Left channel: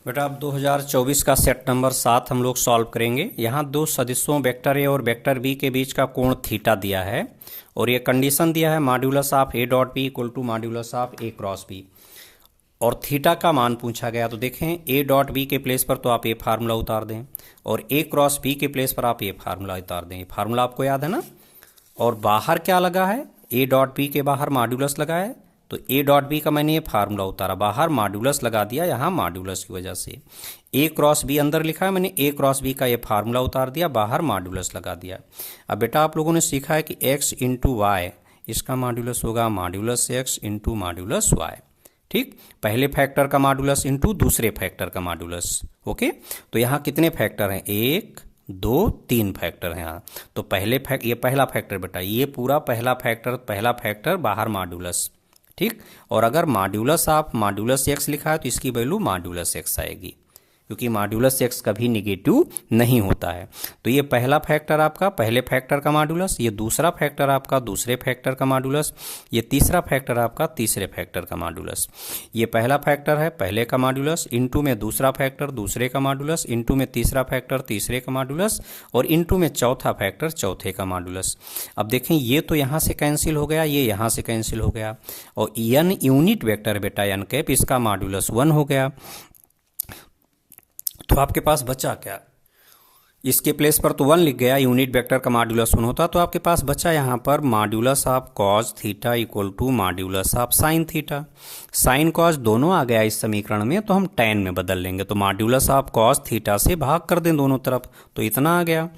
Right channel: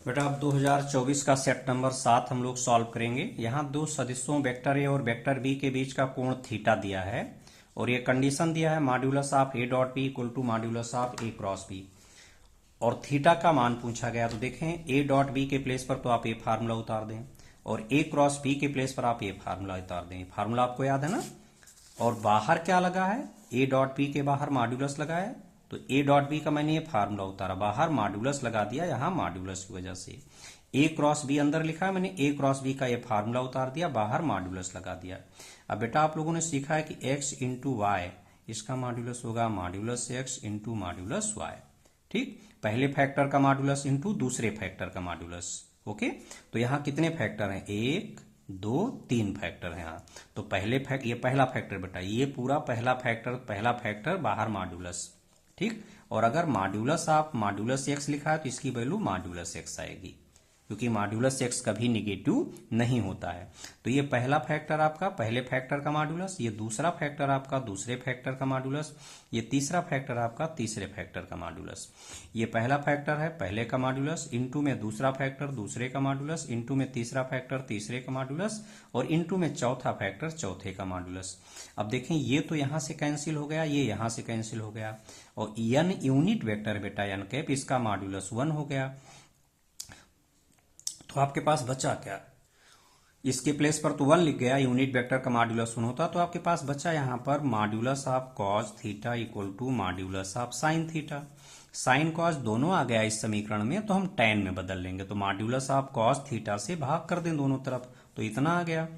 बेटा अब 2024 का सेट नंबर 7 हम लोग सॉल्व करेंगे। यहाँ दो सदिशों वेक्टर ए और वेक्टर बी के बीच का कोण थीटा दिया है और ये कंडीशन दिया है modulus of A dot B equal to modulus of A cross B और थीटा का मान पूछा गया। तो देखें ए डॉट बी के प्लेस पर तो आप ये फार्मूला उतार दें और ए क्रॉस बी के प्लेस पर आप ये फार्मूला उतार दें। फार्मूला आपको याद है ना। और बाहर क्या लगा है, ए डॉट बी के बाहर मॉड्यूलस लगा है, तो ए डॉट बी का मैंने ये फार्मूला उतारा, बाहर मॉड्यूलस लगा दिया यहाँ मॉड्यूलस की वजह से। ए क्रॉस बी अंदर लिखा है, मैंने ए क्रॉस बी का ये फार्मूला उतार दिया, बाहर मॉड्यूलस लगा दिया। अब बेटा आप लोगों ने सीखा है कि एक्स इंटू वाई, इसका मॉड्यूलस होगा modulus X into modulus Y. ठीक, पहले फैक्टर का मॉड्यूलस इंटू दूसरे फैक्टर का मॉड्यूलस। ओके, तो यहाँ कितने फैक्टर हैं, 1 2 3 फैक्टर हैं यहाँ। तो ये पहला फैक्टर बेटा, ये पूरा पहला फैक्टर बाहर मॉड्यूलस। ठीक, और अगर मॉड्यूलस आप मॉड्यूलस एक्स लिखा है तो इसकी वैल्यू मॉड्यूलस एक्स आएगी, क्योंकि मॉड्यूलस एक्स कभी निगेटिव नहीं होता है। तो ये पहला फैक्टर आपका पहले फैक्टर का मॉड्यूलस, ये दूसरा फैक्टर आपका दूसरे फैक्टर का मॉड्यूलस, ये तीसरा फैक्टर आपका तीसरे फैक्टर का मॉड्यूलस। ये पहला फैक्टर है पहले का मॉड्यूलस, इंटू में दूसरा फैक्टर दूसरे का मॉड्यूलस, इंटू में तीसरा फैक्टर तीसरे का मॉड्यूलस और इंटू में चौथा फैक्टर चौथे का मॉड्यूलस। अब देखें ये तो यहाँ से कैंसिल हो गया, ये यहाँ से कैंसिल हो गया और एन यूनिट वेक्टर बेटा एन कैप, इसका मॉड्यूलस 1 हो गया। तो आपके पास बचा क्या, इसके प्लेस पर तो 1 लिख गया, यूनिट वेक्टर का मॉड्यूलस 1 होता, तो आपके पास बचा यहाँ पर modulus of cos theta equal to modulus of sine theta. Sine cos दोनों आ गया इस समीकरण में, तो हम tan में बदल लेंगे, तो मॉड्यूलस ऑफ कॉस थीटा से भाग कर दें दोनों तरफ, तो इतना आ गया।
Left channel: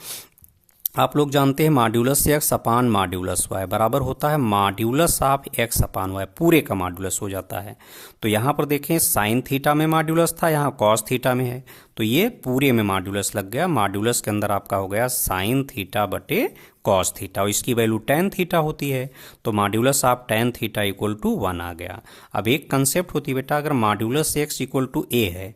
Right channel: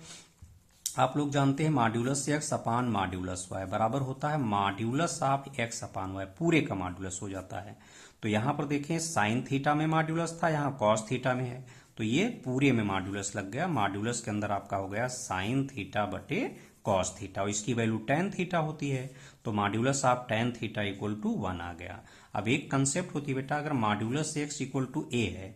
आप लोग जानते हैं modulus X upon modulus Y बराबर होता है modulus of X upon Y, पूरे का मॉड्यूलस हो जाता है। तो यहाँ पर देखें साइन थीटा में मॉड्यूलस था, यहाँ कॉस थीटा में है, तो ये पूरे में मॉड्यूलस लग गया। मॉड्यूलस के अंदर आपका हो गया साइन थीटा बटे कॉस थीटा और इसकी वैल्यू tan थीटा होती है, तो modulus of tan theta equal to 1 आ गया। अब एक कंसेप्ट होती है बेटा, अगर modulus X equal to A है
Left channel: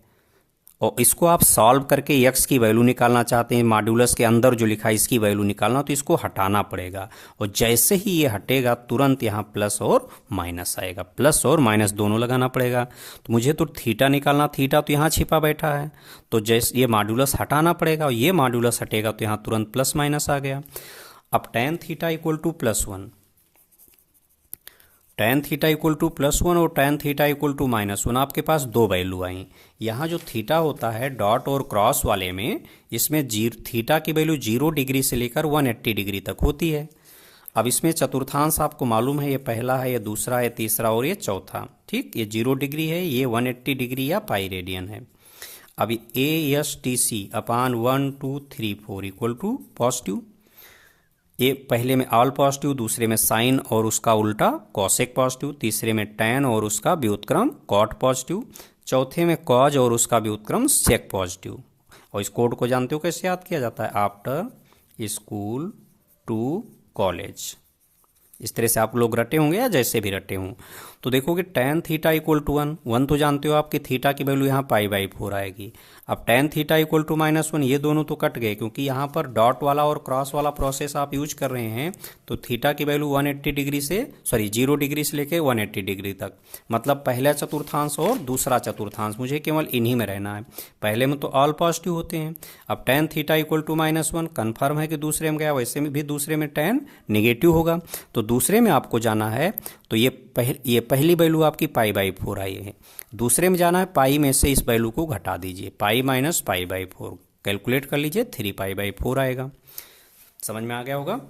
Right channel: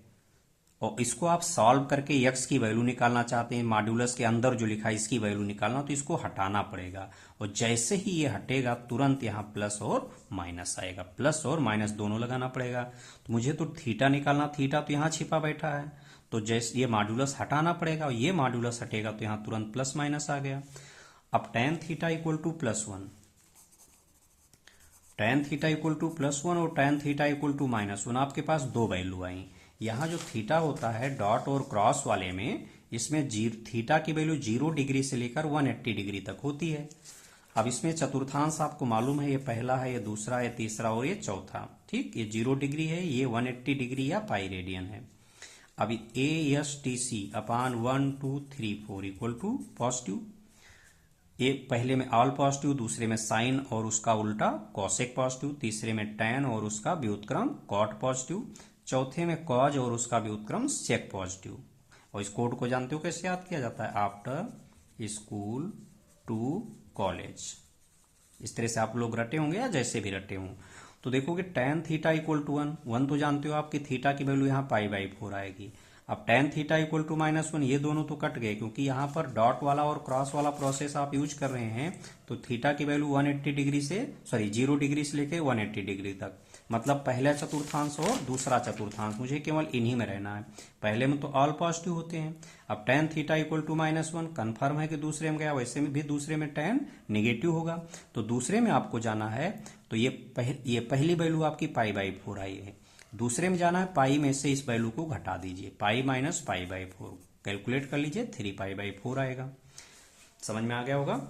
और इसको आप सॉल्व करके x की वैल्यू निकालना चाहते हैं, मॉड्यूलस के अंदर जो लिखा है इसकी वैल्यू निकालना, तो इसको हटाना पड़ेगा और जैसे ही ये हटेगा तुरंत यहाँ प्लस और माइनस आएगा, प्लस और माइनस दोनों लगाना पड़ेगा। तो मुझे तो थीटा निकालना, थीटा तो यहाँ छिपा बैठा है, तो जैसे ये मॉड्यूलस हटाना पड़ेगा और ये मॉड्यूलस हटेगा तो यहाँ तुरंत प्लस माइनस आ गया। अब tan theta equal to +1, tan theta equal to +1 और tan थीटा इक्वल टू -1, आपके पास दो वैल्यू आई। यहाँ जो थीटा होता है डॉट और क्रॉस वाले में, इसमें थीटा की वैल्यू 0 डिग्री से लेकर 180 डिग्री तक होती है। अब इसमें चतुर्थांश आपको मालूम है, ये पहला है, ये दूसरा है, तीसरा और ये चौथा। ठीक, ये 0 डिग्री है, ये 180 डिग्री या पाई रेडियन है। अब ASTC upon 1 2 3 4 equal to positive, ये पहले में ऑल पॉजिटिव, दूसरे में साइन और उसका उल्टा कॉसेक पॉजिटिव, तीसरे में tan और उसका व्युत्क्रम कॉट पॉजिटिव, चौथे में कॉज और उसका व्युत्क्रम सेक पॉजिटिव। और इस कोड को जानते हो कैसे याद किया जाता है, आफ्टर स्कूल टू कॉलेज। इस तरह से आप लोग रटे होंगे या जैसे भी रटे हों। तो देखोगे tan थीटा इक्वल टू 1 तो जानते हो आपकी थीटा की वैल्यू यहाँ π/4 आएगी। अब tan थीटा इक्वल टू -1, ये दोनों तो कट गए क्योंकि यहाँ पर डॉट वाला और क्रॉस वाला प्रोसेस आप यूज कर रहे हैं, तो थीटा की वैल्यू 180 डिग्री से 0 डिग्री से लेके 180 डिग्री तक, मतलब पहला चतुर्थांश और दूसरा चतुर्थांश, मुझे केवल इन्हीं में रहना है। पहले में तो ऑल पॉजिटिव होते हैं। अब tan theta equal to -1 confirm है कि दूसरे में गया, वैसे में भी दूसरे में tan निगेटिव होगा, तो दूसरे में आपको जाना है, तो ये पहली वैल्यू आपकी π/4 आई है। दूसरे में जाना है, पाई में से इस वैल्यू को घटा दीजिए, पाई माइनस π/4 कैलकुलेट कर लीजिए, 3π/4 आएगा। समझ में आ गया होगा।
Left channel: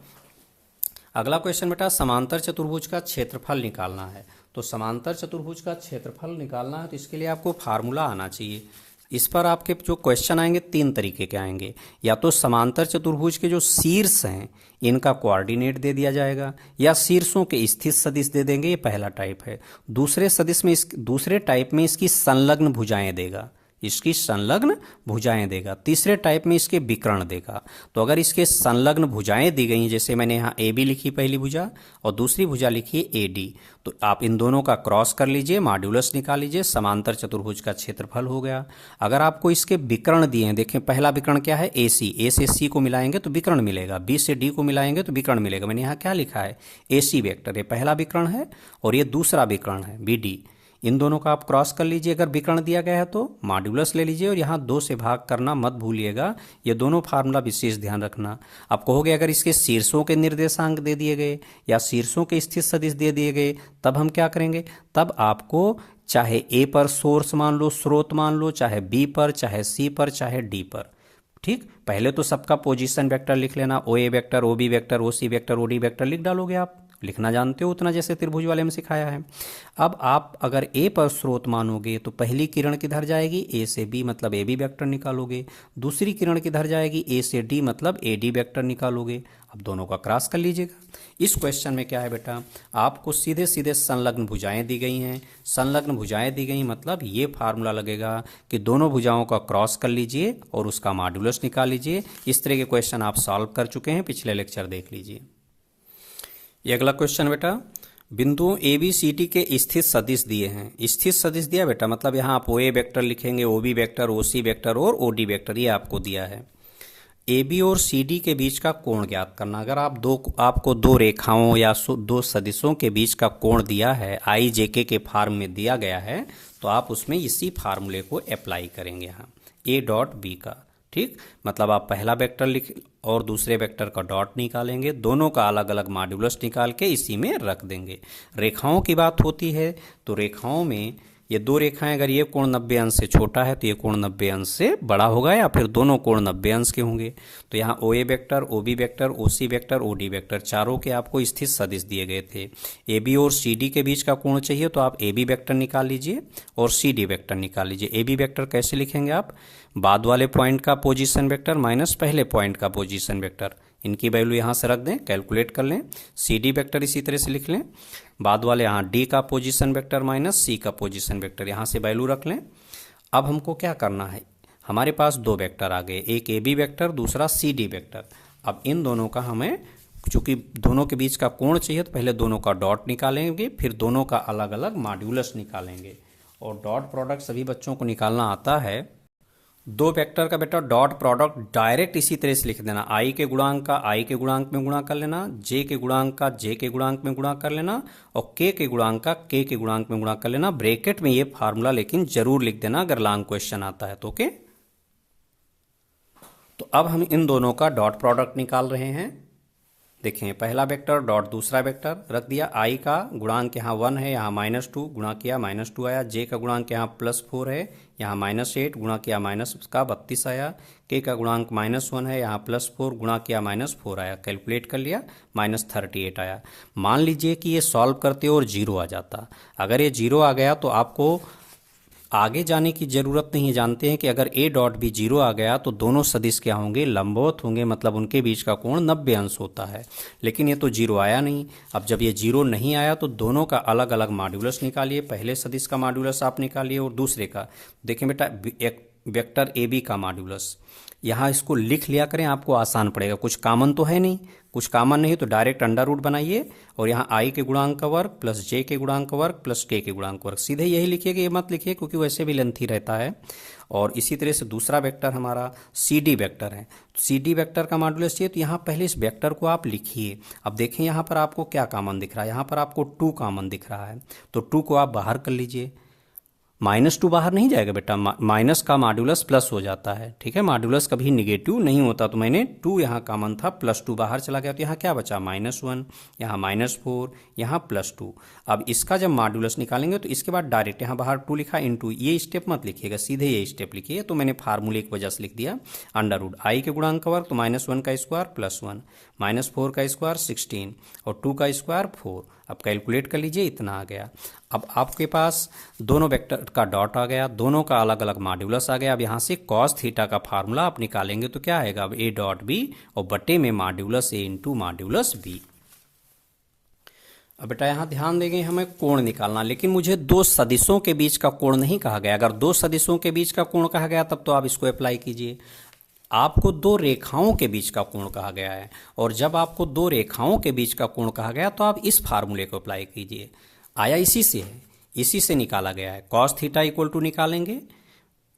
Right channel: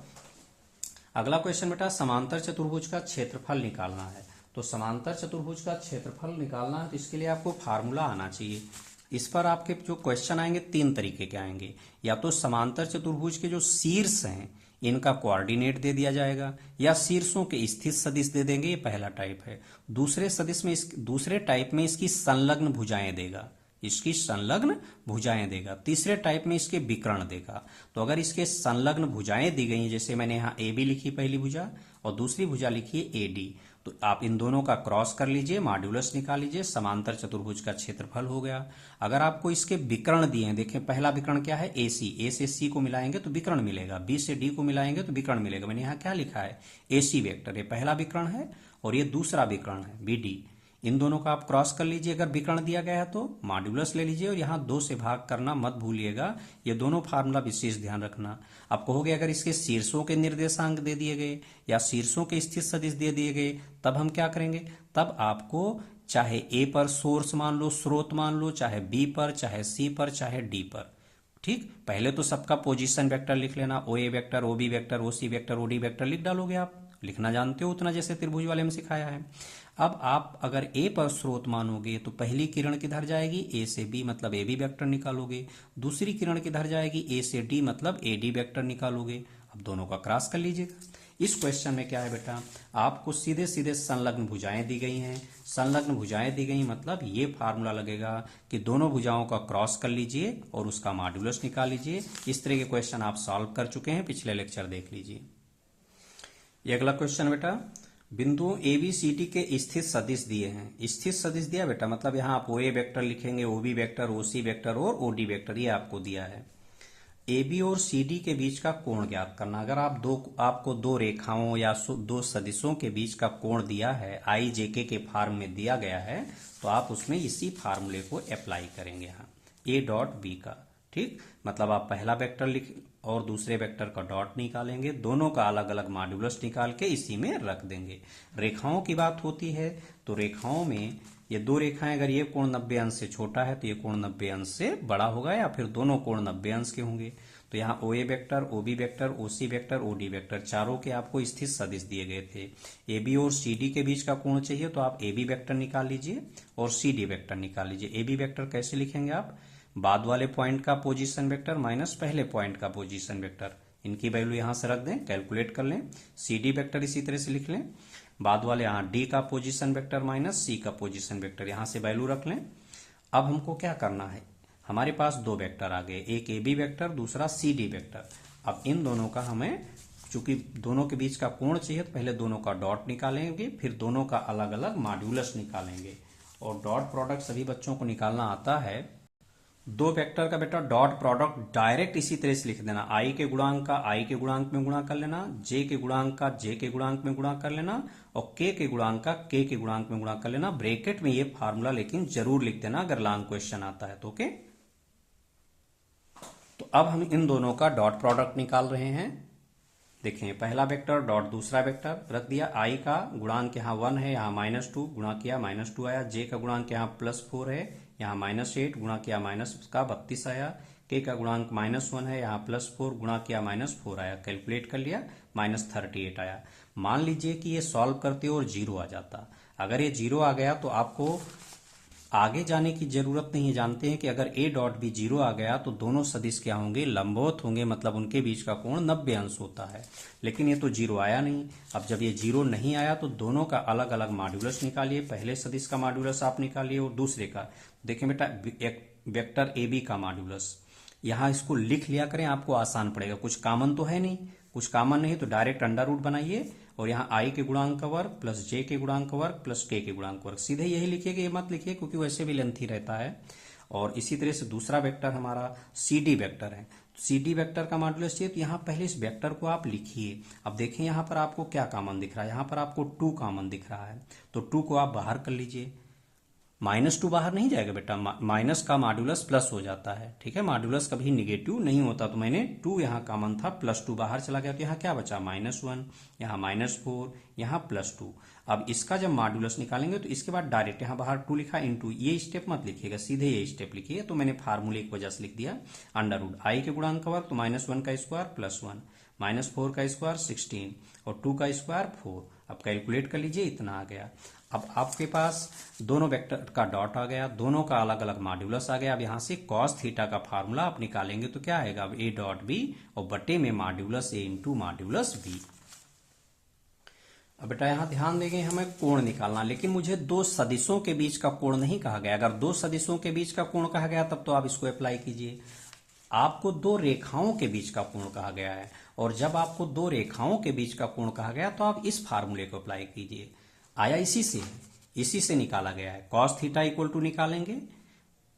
अगला क्वेश्चन बेटा, समांतर चतुर्भुज का क्षेत्रफल निकालना है। तो समांतर चतुर्भुज का क्षेत्रफल निकालना है तो इसके लिए आपको फार्मूला आना चाहिए। इस पर आपके जो क्वेश्चन आएंगे 3 तरीके के आएंगे, या तो समांतर चतुर्भुज के जो शीर्ष हैं इनका कोऑर्डिनेट दे दिया जाएगा, या शीर्षों के स्थित सदिश दे देंगे, ये पहला टाइप है। दूसरे टाइप में इसकी संलग्न भुजाएं देगा, इसकी संलग्न भुजाएं देगा। तीसरे टाइप में इसके विकर्ण देगा। तो अगर इसके संलग्न भुजाएं दी गई, जैसे मैंने यहाँ AB लिखी पहली भुजा और दूसरी भुजा लिखी है AD, तो आप इन दोनों का क्रॉस कर लीजिए, मॉड्यूलस निकाल लीजिए, समांतर चतुर्भुज का क्षेत्रफल हो गया। अगर आपको इसके विकर्ण दिए हैं, देखें पहला विकर्ण क्या है, AC, A से C को मिलाएंगे तो विकर्ण मिलेगा, B से D को मिलाएंगे तो विकर्ण मिलेगा। मैंने यहाँ क्या लिखा है, AC वेक्टर, ये पहला विकर्ण है और ये दूसरा विकर्ण है BD, इन दोनों का आप क्रॉस कर लीजिए, अगर विकर्ण दिया गया है तो मॉड्यूलस ले लीजिए और यहाँ 2 से भाग करना मत भूलिएगा। ये दोनों फार्मूला विशेष ध्यान रखना। आप कहोगे अगर इसके शीर्षों के निर्देशांक दे दिए गए या शीर्षों के स्थित सदिश दे दिए गए तब हम क्या करेंगे, तब आपको चाहे ए पर सोर्स मान लो, स्रोत मान लो, चाहे बी पर, चाहे सी पर, चाहे डी पर, ठीक। पहले तो सबका पोजीशन वेक्टर लिख लेना, ओ ए वेक्टर, ओ बी वेक्टर, ओ C vector, O D vector लिख डालोगे। आप लिखना जानते हो उतना, जैसे त्रिभुज वाले में सिखाया है। अब आप अगर ए पर स्रोत मानोगे तो पहली किरण किधर जाएगी, ए से बी, मतलब ए बी वेक्टर निकालोगे। दूसरी किरण किधर जाएगी, ए से डी, मतलब ए डी वेक्टर निकालोगे। अब दोनों का क्रॉस कर लीजिएगा। इस क्वेश्चन में क्या है बेटा, आपको सीधे सीधे संलग्न भुजाएं दी गई हैं। संलग्न भुजाएं दी गई मतलब ये फार्मूला लगेगा कि दोनों भुजाओं का क्रॉस कर लीजिए और उसका मॉड्यूलस निकाल लीजिए। इस तरह के क्वेश्चन आप सॉल्व कर चुके हैं, पिछले लेक्चर देख लीजिए। ये अगला क्वेश्चन बेटा, बिंदु ए बी सी डी के स्थित सदिश दिए हैं। स्थित सदिश दिया बेटा, मतलब यहाँ आप ओ ए वेक्टर लिखेंगे, ओ बी वेक्टर, ओ सी वेक्टर और ओ डी वेक्टर, ये आपको दिया है। ए बी और सी डी के बीच का कोण ज्ञात करना। अगर आपको दो रेखाओं या दो सदिशों के बीच का कोण दिया है, आई जे के फॉर्म में दिया गया है, तो आप उसमें इसी फार्मूले को अप्लाई करेंगे यहाँ ए डॉट बी का, ठीक। मतलब आप पहला वेक्टर लिख और दूसरे वेक्टर का डॉट निकालेंगे, दोनों का अलग अलग मॉड्यूलस निकाल के इसी में रख देंगे। रेखाओं की बात होती है तो रेखाओं में ये दो रेखाएं, अगर ये कोण 90 अंश से छोटा है तो ये कोण 90 अंश से बड़ा होगा, या फिर दोनों कोण 90 अंश के होंगे। तो यहाँ ओ ए वेक्टर, ओ बी वेक्टर, ओ C vector, O D vector, चारों के आपको स्थित सदिश दिए गए थे। ए बी और सी डी के बीच का कोण चाहिए तो आप ए बी वेक्टर निकाल लीजिए और सी डी वेक्टर निकाल लीजिए। ए बी वेक्टर कैसे लिखेंगे आप, बाद वाले पॉइंट का पोजीशन वेक्टर माइनस पहले पॉइंट का पोजीशन वेक्टर, इनकी वैल्यू यहाँ से रख दें, कैलकुलेट कर लें। सी डी वेक्टर इसी तरह से लिख लें, बाद वाले यहाँ डी का पोजीशन वेक्टर माइनस सी का पोजीशन वेक्टर, यहाँ से वैल्यू रख लें। अब हमको क्या करना है, हमारे पास दो वेक्टर आ गए, एक ए बी वेक्टर, दूसरा सी डी वेक्टर। अब इन दोनों का हमें, चूंकि दोनों के बीच का कोण चाहिए तो पहले दोनों का डॉट निकालेंगे, फिर दोनों का अलग अलग मॉड्यूलस निकालेंगे। और डॉट प्रोडक्ट सभी बच्चों को निकालना आता है। दो वेक्टर का बेटा डॉट प्रोडक्ट डायरेक्ट इसी तरह से लिख देना, आई के गुणांक का आई के गुणांक में गुणा कर लेना, जे के गुणांक का जे के गुणांक में गुणा कर लेना और के गुणांक का के गुणांक में गुणा कर लेना। ब्रैकेट में ये फार्मूला लेकिन जरूर लिख देना अगर लॉन्ग क्वेश्चन आता है तो, ओके। तो अब हम इन दोनों का डॉट प्रोडक्ट निकाल रहे हैं। देखें, पहला वेक्टर डॉट दूसरा वेक्टर रख दिया, आई का गुणांक यहाँ 1 है, यहाँ -2 गुणा किया -2 आया, जे का गुणांक यहाँ +4 है, यहाँ -8 गुणा किया -32 आया, के का गुणांक -1 है, यहाँ +4 गुणा किया -4 आया, कैलकुलेट कर लिया -38 आया। मान लीजिए कि ये सॉल्व करते और जीरो आ जाता। अगर ये जीरो आ गया तो आपको आगे जाने की जरूरत नहीं है। जानते हैं कि अगर ए डॉट भी जीरो आ गया तो दोनों सदिश क्या होंगे, लंबवत होंगे, मतलब उनके बीच का कोण 90 अंश होता है। लेकिन ये तो जीरो आया नहीं। अब जब ये जीरो नहीं आया तो दोनों का अलग अलग मॉड्यूलस निकालिए, पहले सदिश का मॉड्यूलस आप निकालिए और दूसरे का। देखें बेटा, एक वेक्टर ए बी का मॉड्यूलस यहाँ इसको लिख लिया करें, आपको आसान पड़ेगा। कुछ कॉमन तो है नहीं, कुछ कॉमन नहीं तो डायरेक्ट अंडर रूट बनाइए और यहाँ आई के गुणांक का वर्ग प्लस जे के गुणांक का वर्ग प्लस के गुणांक का वर्ग, सीधे यही लिखिएगा, ये मत लिखिए क्योंकि वैसे भी लेंथी रहता है। और इसी तरह से दूसरा वेक्टर हमारा सी डी वेक्टर है। सी डी वेक्टर का मॉड्यूलस चाहिए तो यहाँ पहले इस वेक्टर को आप लिखिए। अब देखें यहाँ पर आपको क्या कॉमन दिख रहा है, यहाँ पर आपको 2 कॉमन दिख रहा है, तो 2 को आप बाहर कर लीजिए। -2 बाहर नहीं जाएगा बेटा, माइनस का मॉड्यूलस प्लस हो जाता है, ठीक है। मॉड्यूलस कभी निगेटिव नहीं होता, तो मैंने 2 यहाँ कॉमन था, +2 बाहर चला गया तो यहाँ क्या बचा, -1, यहाँ -4, यहाँ +2। अब इसका जब मॉड्यूलस निकालेंगे तो इसके बाद डायरेक्ट यहाँ बाहर 2 लिखा इनटू, ये स्टेप मत लिखिएगा, सीधे ये स्टेप लिखिए। तो मैंने फार्मूले की वजह से लिख दिया अंडर रूट आई के गुणांक का वर्ग, तो -1 का स्क्वायर +1, -4 का स्क्वायर 16 और 2 का स्क्वायर 4। अब कैलकुलेट कर लीजिए, इतना आ गया। अब आपके पास दोनों वेक्टर का डॉट आ गया, दोनों का अलग अलग मॉड्यूलस आ गया। अब यहाँ से कॉस थीटा का फार्मूला आप निकालेंगे तो क्या आएगा, अब ए डॉट बी और बटे में modulus A into modulus B. अब बेटा यहाँ ध्यान देंगे, हमें कोण निकालना, लेकिन मुझे दो सदिशों के बीच का कोण नहीं कहा गया। अगर दो सदिशों के बीच का कोण कहा गया तब तो आप इसको अप्लाई कीजिए। आपको दो रेखाओं के बीच का कोण कहा गया है, और जब आपको दो रेखाओं के बीच का कोण कहा गया तो आप इस फार्मूले को अप्लाई कीजिए। आया इसी से है, इसी से निकाला गया है। कॉस थीटा इक्वल टू निकालेंगे,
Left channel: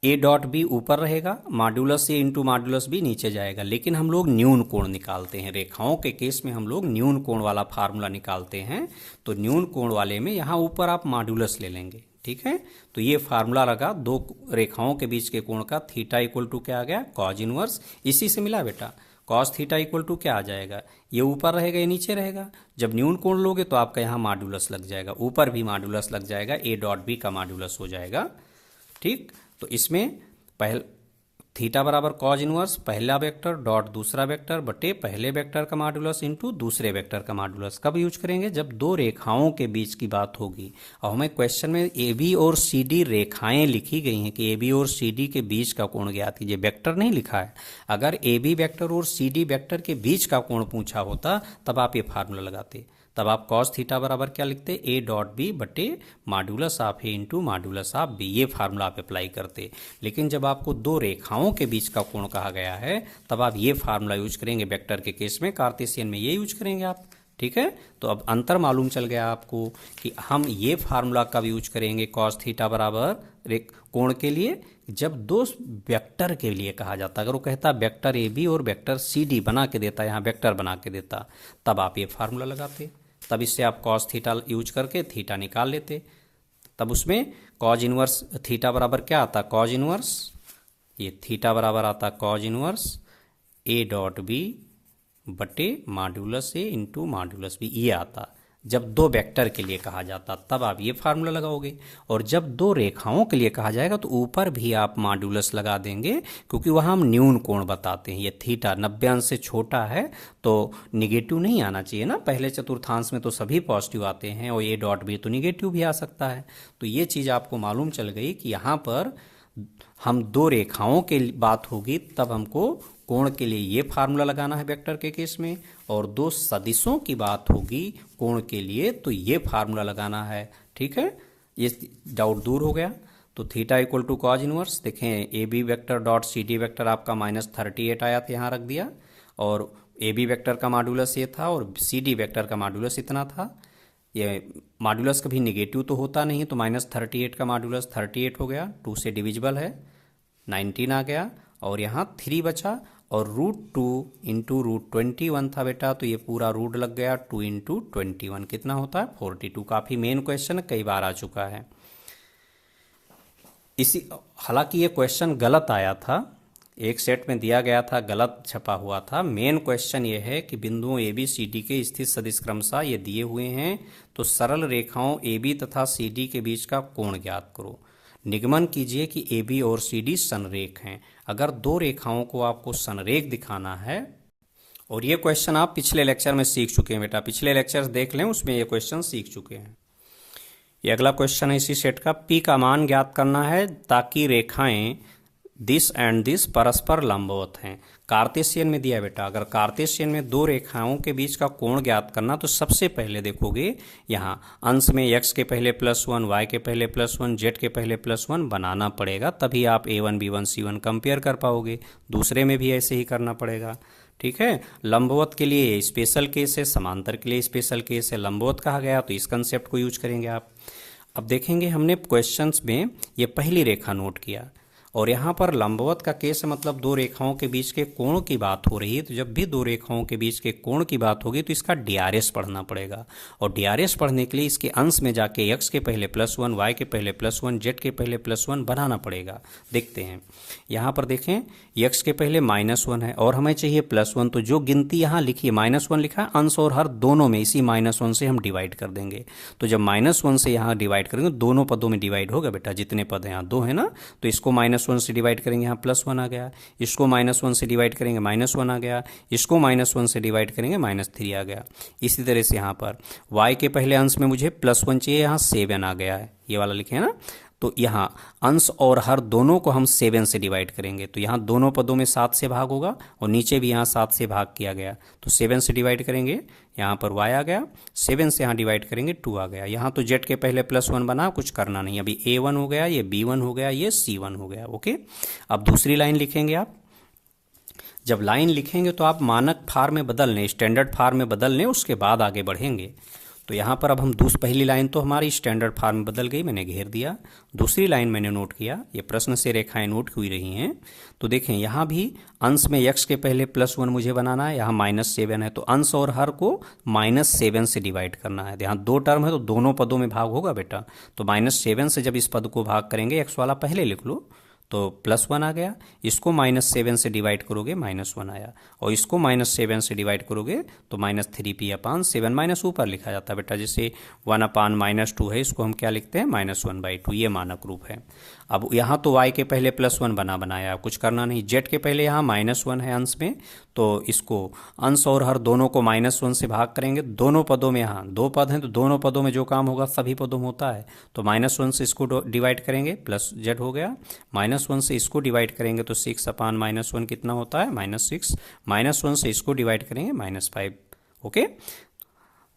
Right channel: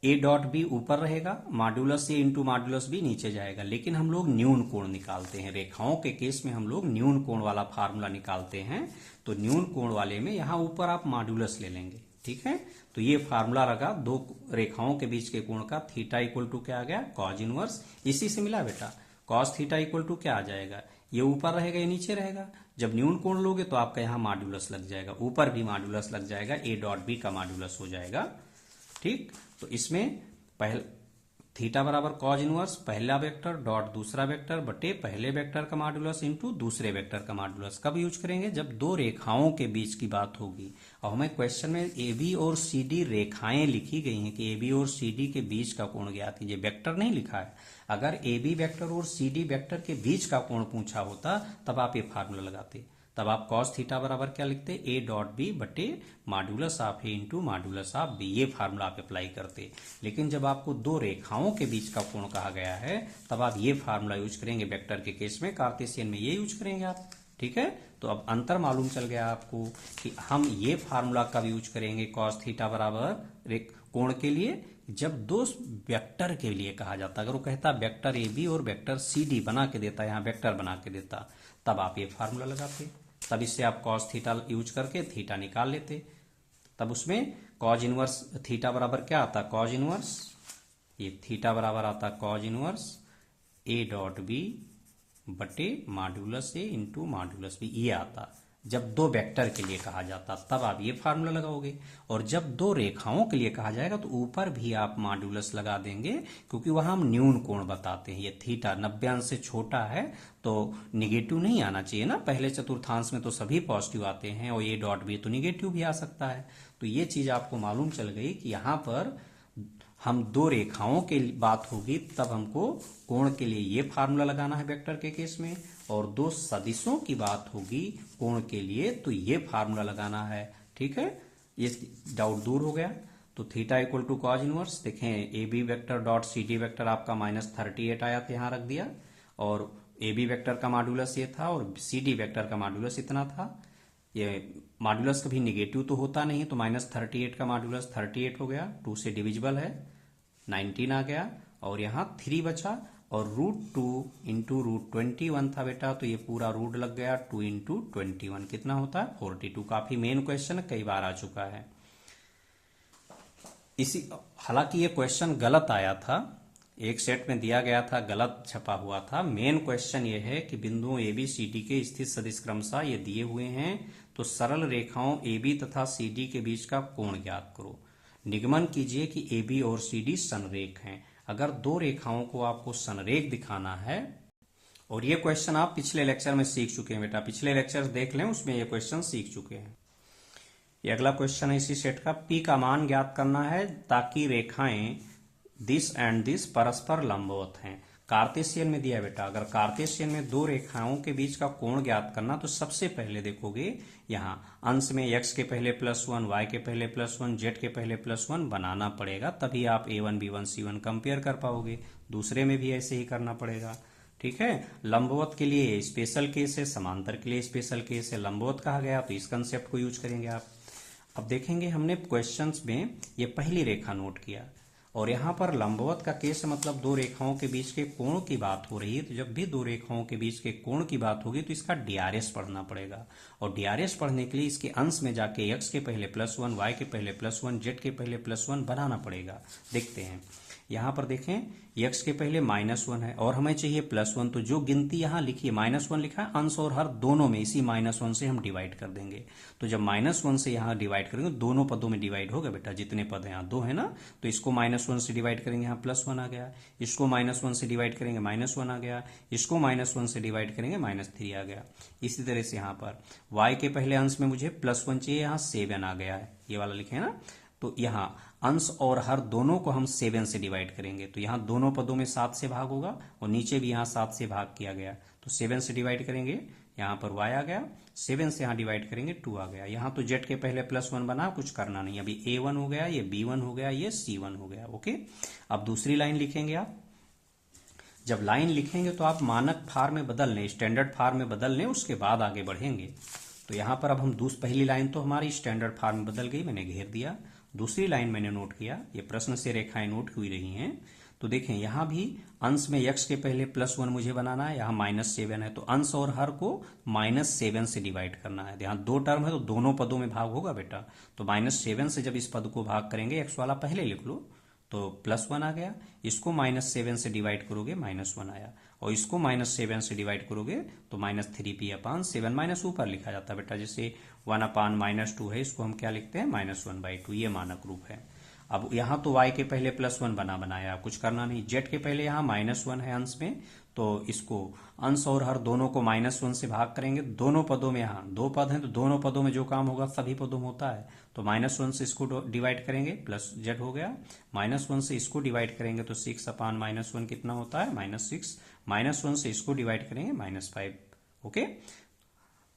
ए डॉट बी ऊपर रहेगा, modulus A into modulus B नीचे जाएगा। लेकिन हम लोग न्यून कोण निकालते हैं, रेखाओं के केस में हम लोग न्यून कोण वाला फार्मूला निकालते हैं। तो न्यून कोण वाले में यहाँ ऊपर आप मॉड्यूलस ले लेंगे, ठीक है। तो ये फार्मूला लगा दो रेखाओं के बीच के कोण का, थीटा इक्वल टू क्या आ गया, कॉज इनवर्स। इसी से मिला बेटा, कॉस थीटा इक्वल टू क्या आ जाएगा, ये ऊपर रहेगा ये नीचे रहेगा। जब न्यून कोण लोगे तो आपका यहाँ मॉड्यूलस लग जाएगा, ऊपर भी मॉड्यूलस लग जाएगा, ए डॉट बी का मॉड्यूलस हो जाएगा। ठीक, तो इसमें पहले थीटा बराबर कॉज इनवर्स पहला वेक्टर डॉट दूसरा वेक्टर बटे पहले वेक्टर का मॉड्यूलस इनटू दूसरे वेक्टर का मॉड्यूलस। कब यूज करेंगे, जब दो रेखाओं के बीच की बात होगी। और हमें क्वेश्चन में ए बी और सी डी रेखाएं लिखी गई हैं कि ए बी और सी डी के बीच का कोण ज्ञात कीजिए, वेक्टर नहीं लिखा है। अगर ए बी वेक्टर और सी डी वेक्टर के बीच का कोण पूछा होता तब आप ये फार्मूला लगाते, तब आप कॉस थीटा बराबर क्या लिखते, ए डॉट बी बटे modulus of A into modulus of B, ये फार्मूला आप अप्लाई करते। लेकिन जब आपको दो रेखाओं के बीच का कोण कहा गया है तब आप ये फार्मूला यूज करेंगे। वेक्टर के केस में, कार्टेशियन में ये यूज करेंगे आप। ठीक है, तो अब अंतर मालूम चल गया आपको कि हम ये फार्मूला कब यूज करेंगे, कॉस थीटा बराबर कोण के लिए, जब दो वेक्टर के लिए कहा जाता। अगर वो कहता वेक्टर ए बी और वेक्टर सी डी बना के देता, यहाँ वेक्टर बना के देता, तब आप ये फार्मूला लगाते। तब इससे आप कॉस थीटा यूज करके थीटा निकाल लेते। तब उसमें कॉज इनवर्स थीटा बराबर क्या आता, कॉज इनवर्स, ये थीटा बराबर आता cos inverse A dot B बटे modulus A into modulus B, ये आता। जब दो वेक्टर के लिए कहा जाता तब आप ये फार्मूला लगाओगे, और जब दो रेखाओं के लिए कहा जाएगा तो ऊपर भी आप मॉड्यूलस लगा देंगे, क्योंकि वहाँ हम न्यून कोण बताते हैं। ये थीटा 90 अंश से छोटा है तो निगेटिव नहीं आना चाहिए ना, पहले चतुर्थांश में तो सभी पॉजिटिव आते हैं, और ये डॉट भी तो निगेटिव भी आ सकता है। तो ये चीज़ आपको मालूम चल गई कि यहाँ पर हम दो रेखाओं की बात होगी तब हमको कोण के लिए ये फार्मूला लगाना है वेक्टर के केस में, और दो सदिशों की बात होगी कोण के लिए तो ये फार्मूला लगाना है। ठीक है, ये डाउट दूर हो गया। तो theta equal to cos inverse, देखें A B vector dot C D vector आपका -38 आया था, यहाँ रख दिया, और ए बी वेक्टर का मॉड्यूलस ये था और सी डी वेक्टर का मॉड्यूलस इतना था। ये मॉड्यूलस कभी निगेटिव तो होता नहीं है, तो -38 का मॉड्यूलस 38 हो गया, 2 से डिविजिबल है, 19 आ गया, और यहाँ 3 बचा, और √2 इंटू √21 था बेटा, तो ये पूरा रूट लग गया, 2 इंटू 21 कितना होता है, 42। काफ़ी मेन क्वेश्चन कई बार आ चुका है। इसी हालांकि ये क्वेश्चन गलत आया था, एक सेट में दिया गया था, गलत छपा हुआ था। मेन क्वेश्चन ये है कि बिंदुओं ए बी सी डी के स्थित सदिश क्रमशः ये दिए हुए हैं, तो सरल रेखाओं ए बी तथा सी डी के बीच का कोण ज्ञात करो। निगमन कीजिए कि ए बी और सी डी संरेख हैं। अगर दो रेखाओं को आपको संरेख दिखाना है, और ये क्वेश्चन आप पिछले लेक्चर में सीख चुके हैं बेटा, पिछले लेक्चर्स देख लें, उसमें ये क्वेश्चन सीख चुके हैं। ये अगला क्वेश्चन है इसी सेट का, पी का मान ज्ञात करना है ताकि रेखाएं दिस एंड दिस परस्पर लंबवत हैं। कार्टेशियन में दिया बेटा, अगर कार्टेशियन में दो रेखाओं के बीच का कोण ज्ञात करना, तो सबसे पहले देखोगे यहाँ अंश में x के पहले +1, y के पहले +1, z के पहले +1 बनाना पड़ेगा, तभी आप a1 b1 c1 कंपेयर कर पाओगे। दूसरे में भी ऐसे ही करना पड़ेगा। ठीक है, लंबवत के लिए स्पेशल केस है, समांतर के लिए स्पेशल केस है। लंबवत कहा गया तो इस कंसेप्ट को यूज करेंगे आप। अब देखेंगे हमने क्वेश्चंस में ये पहली रेखा नोट किया, और यहाँ पर लंबवत का केस है, मतलब दो रेखाओं के बीच के कोण की बात हो रही है। तो जब भी दो रेखाओं के बीच के कोण की बात होगी तो इसका डीआरएस पढ़ना पड़ेगा, और डीआरएस पढ़ने के लिए इसके अंश में जाके x के पहले +1, y के पहले +1, z के पहले +1 बनाना पड़ेगा। देखते हैं, यहाँ पर देखें x के पहले -1 है और हमें चाहिए +1, तो जो गिनती यहाँ लिखी है -1 लिखा है, अंश और हर दोनों में इसी -1 से हम डिवाइड कर देंगे। तो जब -1 से यहाँ डिवाइड करेंगे दोनों पदों में डिवाइड होगा बेटा, जितने पद हैं यहाँ 2 है ना, तो इसको -1 से डिवाइड करेंगे, यहाँ +1 आ गया, इसको -1 से डिवाइड करेंगे -1 आ गया, इसको -1 से डिवाइड करेंगे -3 आ गया। इसी तरह से यहाँ पर y के पहले अंश में मुझे +1 चाहिए, यहाँ 7 आ गया है, ये वाला लिखे है ना, तो यहाँ अंश और हर दोनों को हम 7 से डिवाइड करेंगे, तो यहाँ दोनों पदों में 7 से भाग होगा, और नीचे भी यहाँ 7 से भाग किया गया, तो 7 से डिवाइड करेंगे, यहाँ पर y आ गया, 7 से यहाँ डिवाइड करेंगे 2 आ गया। यहाँ तो z के पहले +1 बना, कुछ करना नहीं, अभी a1 हो गया, ये b1 हो गया, ये c1 हो गया। ओके, अब दूसरी लाइन लिखेंगे आप। जब लाइन लिखेंगे तो आप मानक फार्म में बदल लें, स्टैंडर्ड फार्म में बदल लें, उसके बाद आगे बढ़ेंगे। तो यहाँ पर अब हम पहली लाइन तो हमारी स्टैंडर्ड फॉर्म में बदल गई, मैंने घेर दिया। दूसरी लाइन मैंने नोट किया, ये प्रश्न से रेखाएं नोट हुई रही हैं। तो देखें यहाँ भी अंश में x के पहले +1 मुझे बनाना है, यहाँ -7 है, तो अंश और हर को -7 से डिवाइड करना है। यहाँ दो टर्म है तो दोनों पदों में भाग होगा बेटा, तो -7 से जब इस पद को भाग करेंगे, x वाला पहले लिख लो, तो +1 आ गया। इसको -7 से डिवाइड करोगे -1 आया, और इसको -7 से डिवाइड करोगे तो -3p/7 माइनस ऊपर लिखा जाता है बेटा, जैसे 1/-2 है, इसको हम क्या लिखते हैं -1/2, ये मानक रूप है। अब यहाँ तो y के पहले +1 बनाया, कुछ करना नहीं। z के पहले यहाँ -1 है अंश में, तो इसको अंश और हर दोनों को -1 से भाग करेंगे। दोनों पदों में, यहाँ दो पद हैं तो दोनों पदों में जो काम होगा सभी पदों में होता है, तो -1 से इसको डिवाइड करेंगे, प्लस z हो गया। -1 से इसको डिवाइड करेंगे तो 6/-1 कितना होता है -6। -1 से इसको डिवाइड करेंगे -5। ओके,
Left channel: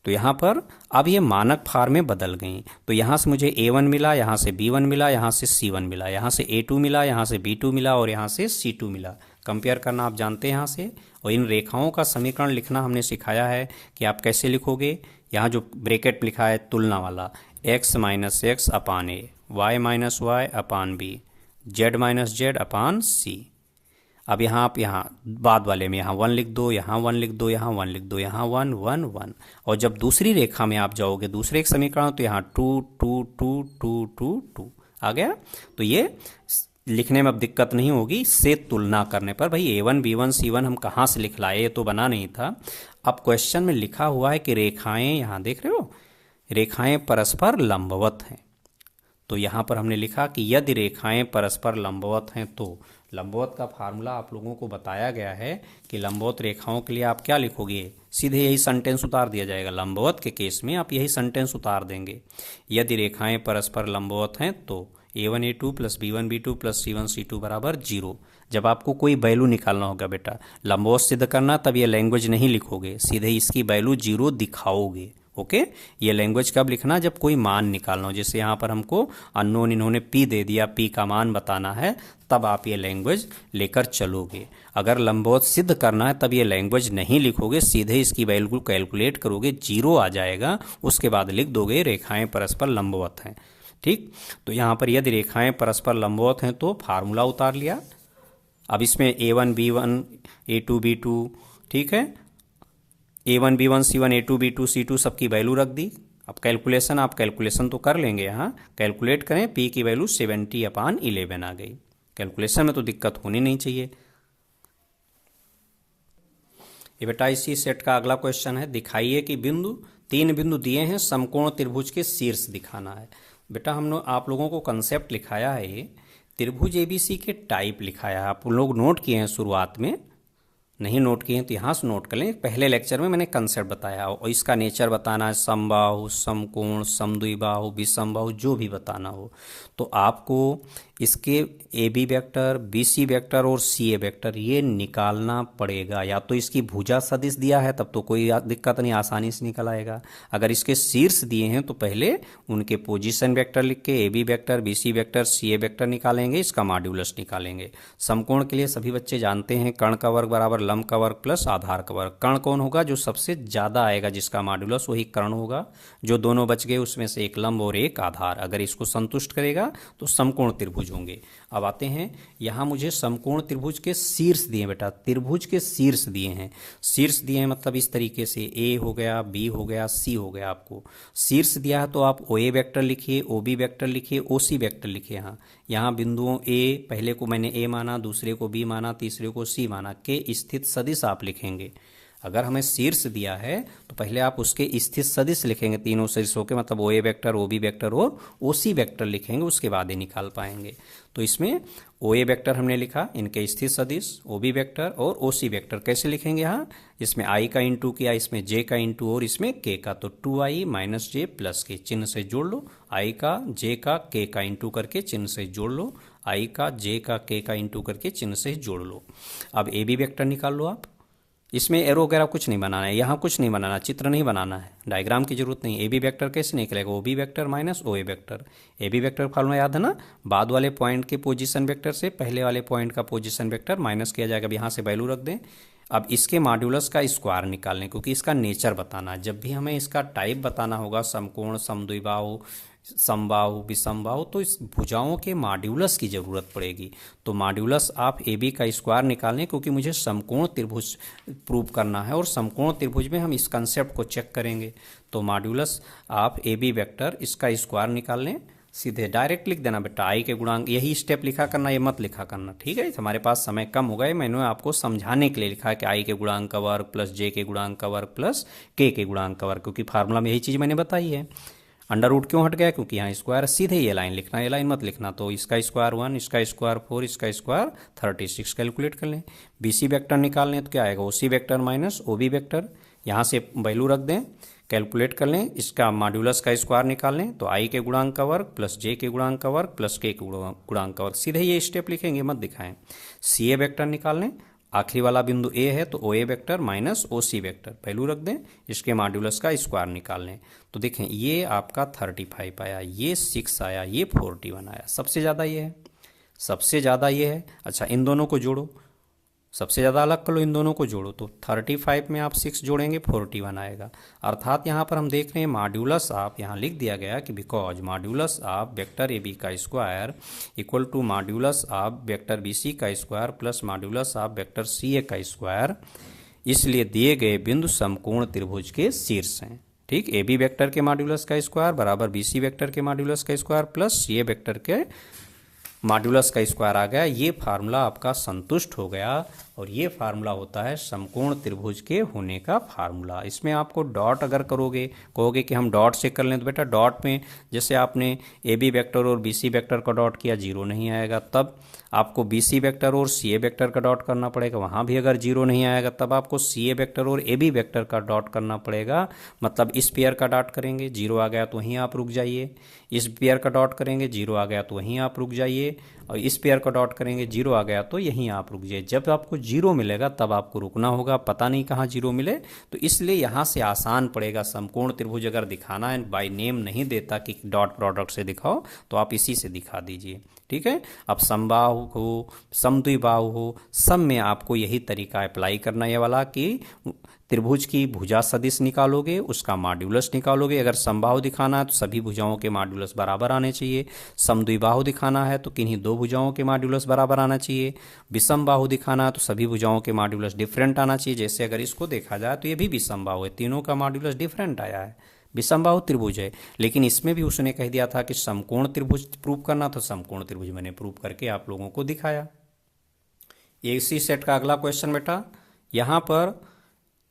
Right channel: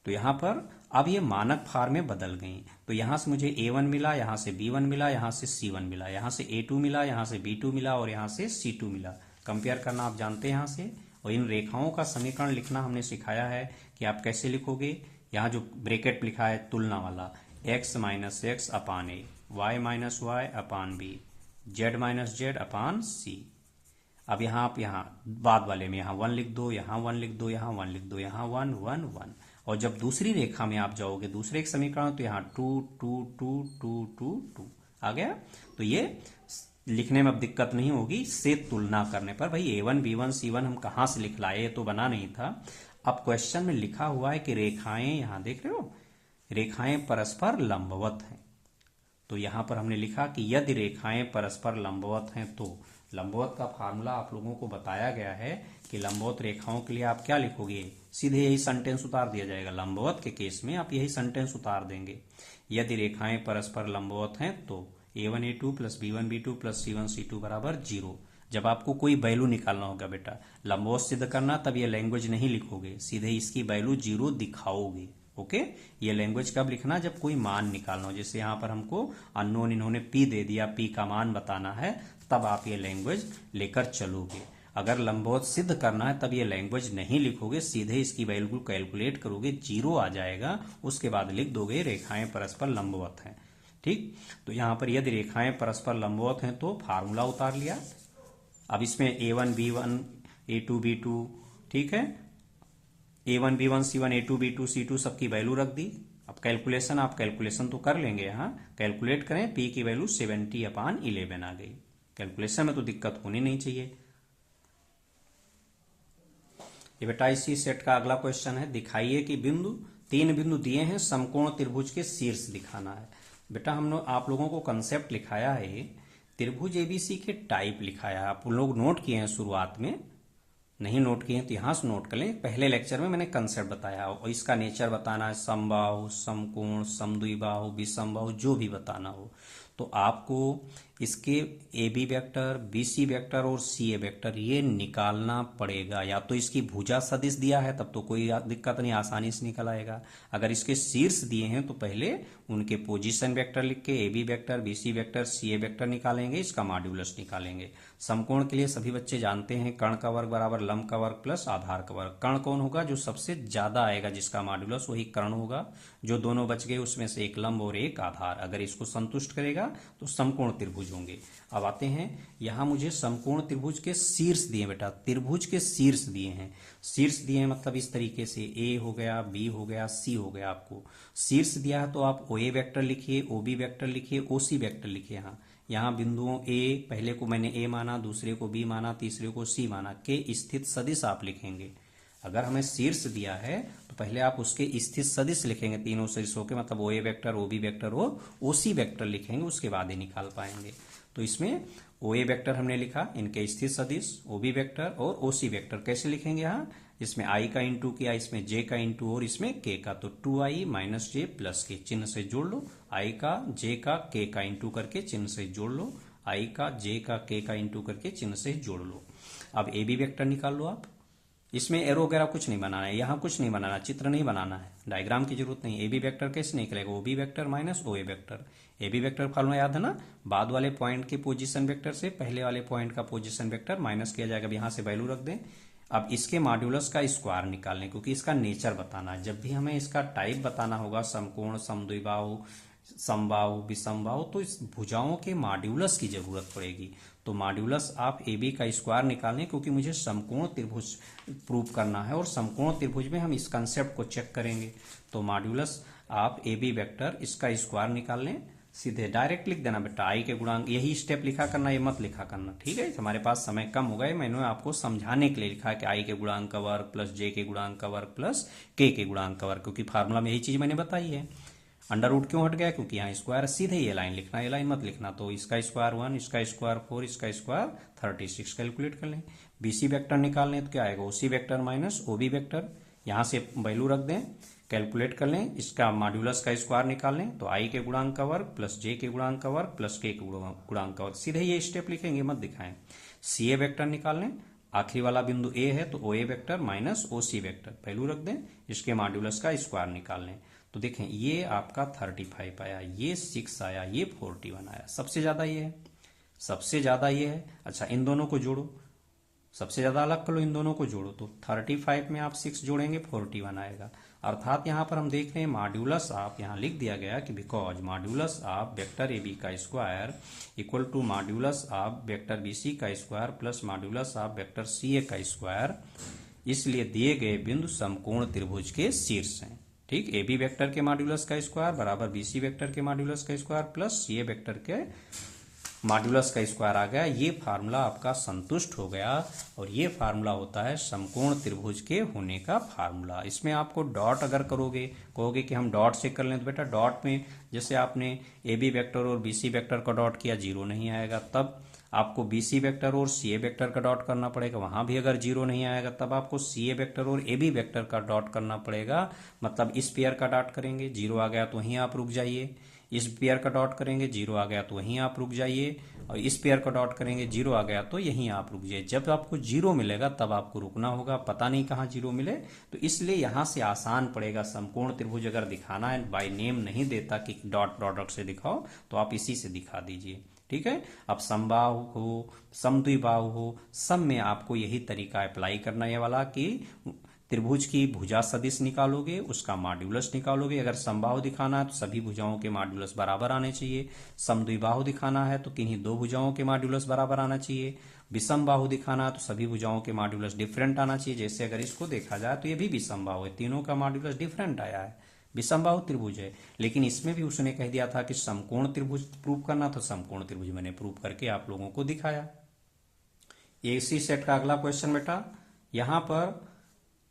तो यहाँ पर अब ये मानक फॉर्म में बदल गई। तो यहाँ से मुझे A1 मिला, यहाँ से B1 मिला, यहाँ से C1 मिला, यहाँ से A2 मिला, यहाँ से B2 मिला और यहाँ से C2 मिला। कंपेयर करना आप जानते हैं यहाँ से। और इन रेखाओं का समीकरण लिखना हमने सिखाया है कि आप कैसे लिखोगे। यहाँ जो ब्रैकेट लिखा है तुलना वाला, x - x/a, y - y/b, z - z/c। अब यहाँ आप यहाँ बाद वाले में यहाँ 1 लिख दो, यहाँ 1 लिख दो, यहाँ 1 लिख दो, यहाँ 1 1 1। और जब दूसरी रेखा में आप जाओगे दूसरे एक समीकरण, तो यहाँ 2 2 2 2 2 2 आ गया। तो ये लिखने में अब दिक्कत नहीं होगी से तुलना करने पर। भाई A1 B1 C1 हम कहाँ से लिख लाए, ये तो बना नहीं था। अब क्वेश्चन में लिखा हुआ है कि रेखाएं, यहाँ देख रहे हो, रेखाएं परस्पर लंबवत हैं। तो यहाँ पर हमने लिखा कि यदि रेखाएं परस्पर लंबवत हैं, तो लंबवत का फार्मूला आप लोगों को बताया गया है कि लंबवत रेखाओं के लिए आप क्या लिखोगे, सीधे यही सेंटेंस उतार दिया जाएगा। लंबवत के केस में आप यही सेंटेंस उतार देंगे, यदि रेखाएं परस्पर लंबवत हैं तो A1 A2 + B1 B2 + C1 C2 बराबर 0। जब आपको कोई वैल्यू निकालना होगा बेटा, लंबवत सिद्ध करना, तब ये लैंग्वेज नहीं लिखोगे, सीधे इसकी वैल्यू 0 दिखाओगे। ओके, ये लैंग्वेज कब लिखना, जब कोई मान निकालना हो। जैसे यहाँ पर हमको अननोन इन्होंने p दे दिया, p का मान बताना है, तब आप ये लैंग्वेज लेकर चलोगे। अगर लंबवत सिद्ध करना है तब ये लैंग्वेज नहीं लिखोगे, सीधे इसकी वैल्यू कैलकुलेट करोगे, 0 आ जाएगा, उसके बाद लिख दोगे रेखाएं परस्पर लंबवत हैं। ठीक, तो यहाँ पर यदि रेखाएं परस्पर लंबवत हैं तो फार्मूला उतार लिया। अब इसमें A1 B1 A2 B2, ठीक है, A1 B1 C1 A2 B2 C2 सबकी वैल्यू रख दी। अब कैलकुलेशन, आप कैलकुलेशन तो कर लेंगे, यहाँ कैलकुलेट करें, p की वैल्यू 70/11 आ गई। कैलकुलेशन में तो दिक्कत होनी नहीं चाहिए। ये बेटा इसी सेट का अगला क्वेश्चन है, दिखाइए कि तीन बिंदु दिए हैं, समकोण त्रिभुज के शीर्ष दिखाना है। बेटा आप लोगों को कंसेप्ट लिखाया है, त्रिभुज ABC के टाइप लिखाया है, आप लोग नोट किए हैं शुरुआत में, नहीं नोट किए हैं तो यहाँ से नोट कर लें। पहले लेक्चर में मैंने कंसेप्ट बताया और इसका नेचर बताना है, समबाहु, समकोण, समद्विबाहु, विषमबाहु, जो भी बताना हो। तो आपको इसके AB वेक्टर, BC वेक्टर और CA वेक्टर ये निकालना पड़ेगा। या तो इसकी भुजा सदिश दिया है तब तो कोई दिक्कत नहीं, आसानी से निकल आएगा। अगर इसके शीर्ष दिए हैं तो पहले उनके पोजीशन वेक्टर लिख के AB vector, BC vector, CA vector निकालेंगे, इसका मॉड्यूलस निकालेंगे। समकोण के लिए सभी बच्चे जानते हैं, कर्ण का वर्ग बराबर लंब का वर्ग प्लस आधार का वर्ग। कर्ण कौन होगा, जो सबसे ज़्यादा आएगा जिसका मॉड्यूलस वही कर्ण होगा। जो दोनों बच गए उसमें से एक लंब और एक आधार, अगर इसको संतुष्ट करेगा तो समकोण त्रिभुज होंगे। अब आते हैं, यहाँ मुझे समकोण त्रिभुज के शीर्ष दिए बेटा, त्रिभुज के शीर्ष दिए हैं। शीर्ष दिए हैं मतलब इस तरीके से A हो गया, B हो गया, C हो गया। आपको शीर्ष दिया है तो आप OA वेक्टर लिखिए, OB वेक्टर लिखिए, OC वेक्टर लिखिए। यहाँ बिंदुओं A, पहले को मैंने A माना, दूसरे को B माना, तीसरे को C माना, के स्थित सदिश आप लिखेंगे। अगर हमें शीर्ष दिया है तो पहले आप उसके स्थित सदिश लिखेंगे, तीनों सदिशों के, मतलब OA वेक्टर, OB वेक्टर और OC वेक्टर लिखेंगे, उसके बाद ही निकाल पाएंगे। तो इसमें OA वेक्टर हमने लिखा, इनके स्थित सदिश, OB वेक्टर और OC वेक्टर कैसे लिखेंगे। यहाँ इसमें I का इंटू किया, इसमें J का इंटू और इसमें K का, तो 2I - J + K चिन्ह से जोड़ लो। I का J का K का इंटू करके चिन्ह से जोड़ लो, I का J का K का इंटू करके चिन्ह से जोड़ लो। अब AB वेक्टर निकाल लो आप। इसमें एरो वगैरह कुछ नहीं बनाना है, यहाँ कुछ नहीं बनाना, चित्र नहीं बनाना है, डायग्राम की जरूरत नहीं। AB वेक्टर कैसे निकलेगा, OB vector - OA vector. AB vector formula याद है ना, बाद वाले पॉइंट के पोजीशन वेक्टर से पहले वाले पॉइंट का पोजीशन वेक्टर माइनस किया जाएगा। अब यहाँ से वैल्यू रख दें, अब इसके मॉड्यूलस का स्क्वायर निकालने, क्योंकि इसका नेचर बताना है। जब भी हमें इसका टाइप बताना होगा, समकोण, समद्विबाहु, समबाहु, विषमबाहु, तो इस भुजाओं के मॉड्यूलस की जरूरत पड़ेगी। तो मॉड्यूलस आप ए बी का स्क्वायर निकालें, क्योंकि मुझे समकोण त्रिभुज प्रूव करना है और समकोण त्रिभुज में हम इस कंसेप्ट को चेक करेंगे। तो मॉड्यूलस आप ए बी वेक्टर इसका स्क्वायर निकाल लें, सीधे डायरेक्ट लिख देना बेटा, आई के गुणांक, यही स्टेप लिखा करना, ये मत लिखा करना, ठीक है। हमारे पास समय कम हो गए, मैंने आपको समझाने के लिए लिखा है कि आई के गुणांक का वर्ग प्लस जे के गुणांक का वर्ग प्लस के गुणांक का वर्ग, क्योंकि फार्मूला में यही चीज़ मैंने बताई है। अंडर रूट क्यों हट गया, क्योंकि यहाँ स्क्वायर, सीधे ये लाइन लिखना, ये लाइन मत लिखना। तो इसका स्क्वायर 1, इसका स्क्वायर 4, इसका स्क्वायर 36 कैलकुलेट कर लें। बीसी वेक्टर निकाल लें तो क्या आएगा, ओसी वेक्टर माइनस ओबी वेक्टर, यहाँ से वैल्यू रख दें, कैलकुलेट कर लें। इसका मॉड्यूलस का स्क्वायर निकाल लें, तो आई के गुणांक का वर्ग प्लस जे के गुणांक का वर्ग प्लस के गुणांक का वर्ग, सीधे ये स्टेप लिखेंगे, मत दिखाएं। सी ए वेक्टर निकाल लें, आखिरी वाला बिंदु ए है तो ओ ए vector minus O C vector, value रख दें, इसके मॉड्यूलस का स्क्वायर निकाल लें। तो देखें ये आपका 35 आया, ये 6 आया, ये 41 आया, सबसे ज़्यादा ये है, सबसे ज़्यादा ये है। अच्छा इन दोनों को जोड़ो, सबसे ज़्यादा अलग कर लो, इन दोनों को जोड़ो, तो 35 में आप 6 जोड़ेंगे 41 आएगा। अर्थात यहाँ पर हम देख रहे हैं मॉड्यूलस आप यहाँ लिख दिया गया कि because modulus of vector A B का square equal to modulus of vector B C का square plus modulus of vector C A का स्क्वायर, इसलिए दिए गए बिंदु समकोण त्रिभुज के शीर्ष हैं। ठीक, ए बी वेक्टर के मॉड्यूलस का स्क्वायर बराबर बी सी वेक्टर के मॉड्यूलस का स्क्वायर प्लस सी ए वेक्टर के मॉड्यूलस का स्क्वायर आ गया। ये फार्मूला आपका संतुष्ट हो गया और ये फार्मूला होता है समकोण त्रिभुज के होने का फार्मूला। इसमें आपको डॉट अगर करोगे, कहोगे कि हम डॉट से कर लें, तो बेटा डॉट में जैसे आपने ए बी वेक्टर और बी सी वेक्टर का डॉट किया, जीरो नहीं आएगा। तब आपको बी सी वेक्टर और सी ए वेक्टर का डॉट करना पड़ेगा, वहाँ भी अगर जीरो नहीं आएगा तब आपको सी ए वेक्टर और ए बी वेक्टर का डॉट करना पड़ेगा। मतलब इस पेयर का डॉट करेंगे, जीरो आ गया तो वहीं आप रुक जाइए। इस पेयर का डॉट करेंगे, जीरो आ गया तो वहीं आप रुक जाइए। और इस पेयर का डॉट करेंगे, जीरो आ गया तो यहीं आप रुक जाइए। जब आपको जीरो मिलेगा तब आपको रुकना होगा, पता नहीं कहाँ जीरो मिले, तो इसलिए यहाँ से आसान पड़ेगा। समकोण त्रिभुज अगर दिखाना है, बाय नेम नहीं देता कि डॉट प्रोडक्ट से दिखाओ, तो आप इसी से दिखा दीजिए। ठीक है, अब समबाहु हो, समद्विबाहु हो, सब में आपको यही तरीका अप्लाई करना है वाला कि त्रिभुज की भुजा सदिश निकालोगे, उसका मॉड्यूलस निकालोगे। अगर समबाहु दिखाना है तो सभी भुजाओं के मॉड्यूलस बराबर आने चाहिए। समद्विबाहु दिखाना है तो किन्हीं दो भुजाओं के मॉड्यूलस बराबर आना चाहिए। विषमबाहु दिखाना है तो सभी भुजाओं के मॉड्यूलस डिफरेंट आना चाहिए। जैसे अगर इसको देखा जाए तो ये भी विषमबाहु है, तीनों का मॉड्यूलस डिफरेंट आया है, विषमबाहु त्रिभुज है। लेकिन इसमें भी उसने कह दिया था कि समकोण त्रिभुज प्रूव करना, तो समकोण त्रिभुज मैंने प्रूव करके आप लोगों को दिखाया। इसी सेट का अगला क्वेश्चन बेटा, यहाँ पर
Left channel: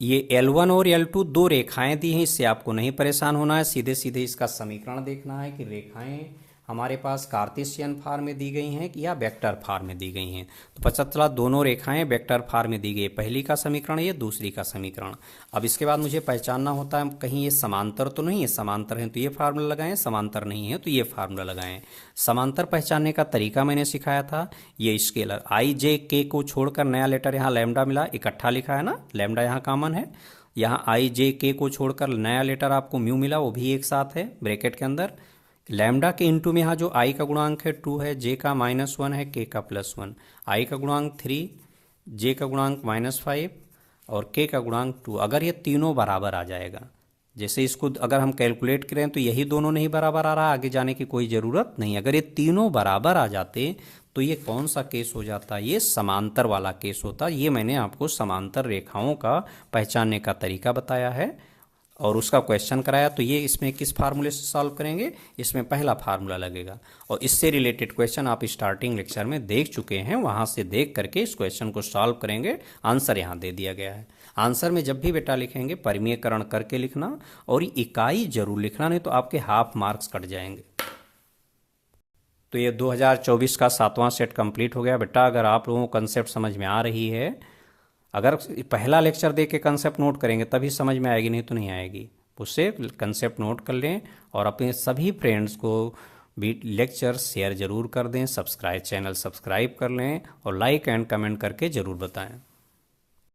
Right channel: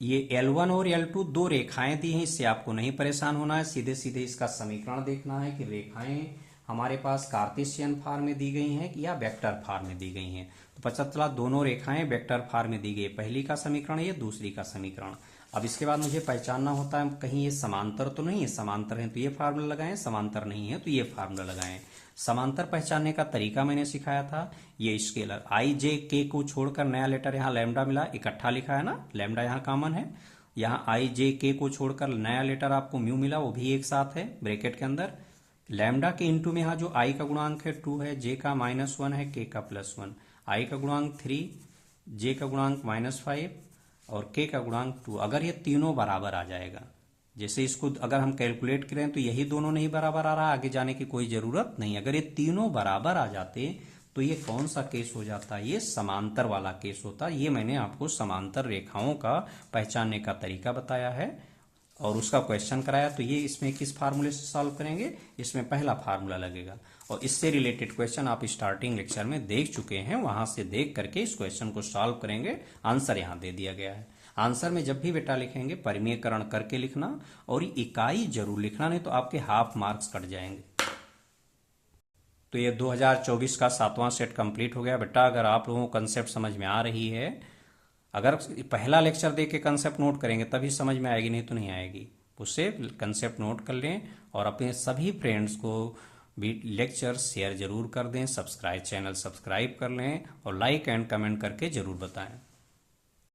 ये L1 और L2 दो रेखाएं दी हैं, इससे आपको नहीं परेशान होना है, सीधे सीधे इसका समीकरण देखना है कि रेखाएं हमारे पास कार्टेशियन फॉर्म में दी गई हैं या वेक्टर फॉर्म में दी गई हैं। तो पता चला दोनों रेखाएं वेक्टर फॉर्म में दी गई, पहली का समीकरण ये, दूसरी का समीकरण। अब इसके बाद मुझे पहचानना होता है कहीं ये समांतर तो नहीं है, समांतर है तो ये फार्मूला लगाएं, समांतर नहीं है तो ये फार्मूला लगाएं। समांतर पहचानने का तरीका मैंने सिखाया था, ये स्केलर आई जे के को छोड़कर नया लेटर यहाँ लैम्डा मिला, इकट्ठा लिखा है ना, लैम्डा यहाँ कॉमन है, यहाँ आई जे के को छोड़कर नया लेटर आपको म्यू मिला, वो भी एक साथ है ब्रैकेट के अंदर। लैम्डा के इंटू में यहाँ जो आई का गुणांक है 2 है, जे का -1 है, के का +1, आई का गुणांक 3, जे का गुणांक -5 और के का गुणांक 2। अगर ये तीनों बराबर आ जाएगा, जैसे इसको अगर हम कैलकुलेट करें तो यही दोनों नहीं बराबर आ रहा, आगे जाने की कोई ज़रूरत नहीं। अगर ये तीनों बराबर आ जाते तो ये कौन सा केस हो जाता, ये समांतर वाला केस होता। ये मैंने आपको समांतर रेखाओं का पहचानने का तरीका बताया है और उसका क्वेश्चन कराया। तो ये इसमें किस फार्मूले से सॉल्व करेंगे, इसमें पहला फार्मूला लगेगा और इससे रिलेटेड क्वेश्चन आप स्टार्टिंग लेक्चर में देख चुके हैं, वहां से देख करके इस क्वेश्चन को सॉल्व करेंगे। आंसर यहाँ दे दिया गया है। आंसर में जब भी बेटा लिखेंगे परिमेयकरण करके लिखना और इकाई जरूर लिखना, नहीं तो आपके हाफ मार्क्स कट जाएंगे। तो ये 2024 का 7वां सेट कंप्लीट हो गया बेटा। अगर आप लोगों को कंसेप्ट समझ में आ रही है, अगर पहला लेक्चर देख के कंसेप्ट नोट करेंगे तभी समझ में आएगी, नहीं तो नहीं आएगी। उससे कंसेप्ट नोट कर लें और अपने सभी फ्रेंड्स को भी लेक्चर शेयर जरूर कर दें, चैनल सब्सक्राइब कर लें और लाइक एंड कमेंट करके जरूर बताएं।